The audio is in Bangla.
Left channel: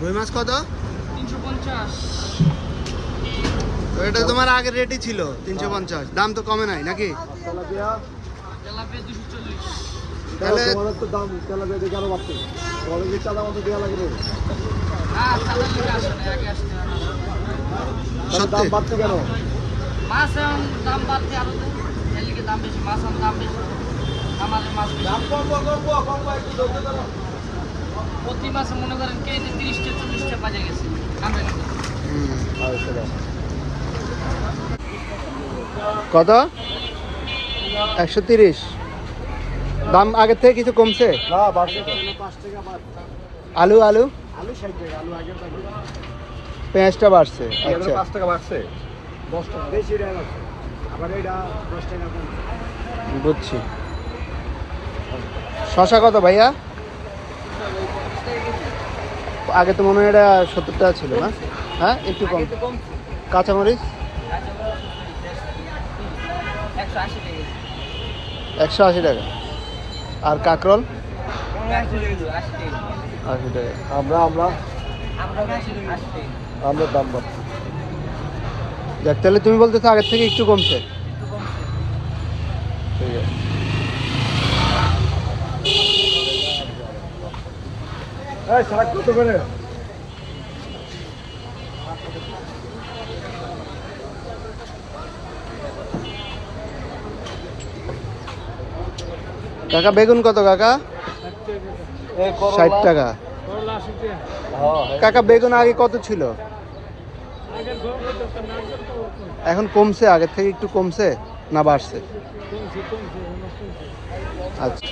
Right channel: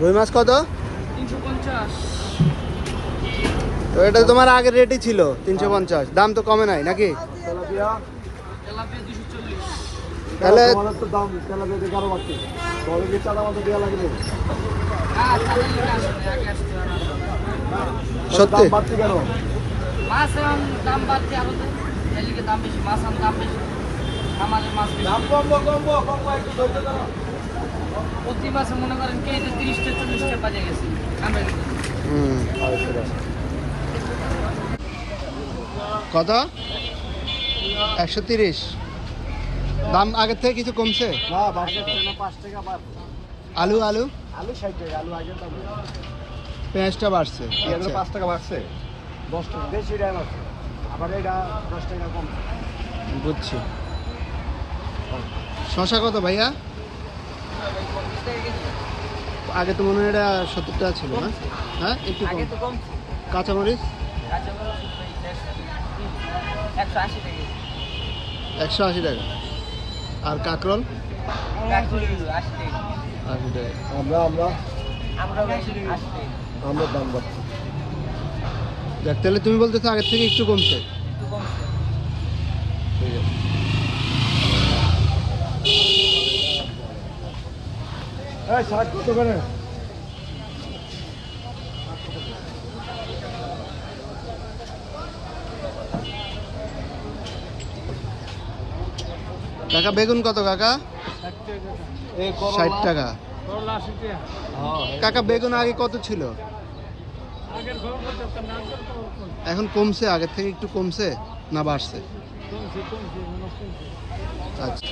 রুই মাছ কত? পঞ্চাশ। তো এটা তোমার আগের রেটই ছিল তিনশো পঞ্চাশ। দাম তো কমে নাই নাকি? তাহলে। সত্যি? দাম বেশি মাছ দাম বেশি। আমাদের মাছ প্রতি মাসে মনে করেন কেজিতে তিরিশটা চল্লিশটা বাজে গেছে। আমরা কত? একশো তিরিশ। দাম আগের থেকে কিছু কমছে? আলু আলু? আলু ষাট টাকা আলু আগে টাকা। পেঁয়াজটা বাড়ছে। আচ্ছা। এটা বুঝছি। শশা কত ভাইয়া? আগে তো মনে হয় এটা সত্তর টাকা ছিল, না? হ্যাঁ একটু কম। কাঁচামরিচ? একশো আশি টাকা। আর কাকরল? আশি টাকা। আমরা আমরা আমরা দাম বাড়ছে। যাক তাহলে তুমি বলতেছো আগের থেকে একটু কমছে। ঠিক আছে। কাকা, বেগুন কত কাকা? ষাট টাকা। কাকা, বেগুন আগে কত ছিল? এখন কমছে, আগের থেকে একটু কমছে না বাড়ছে? আচ্ছা।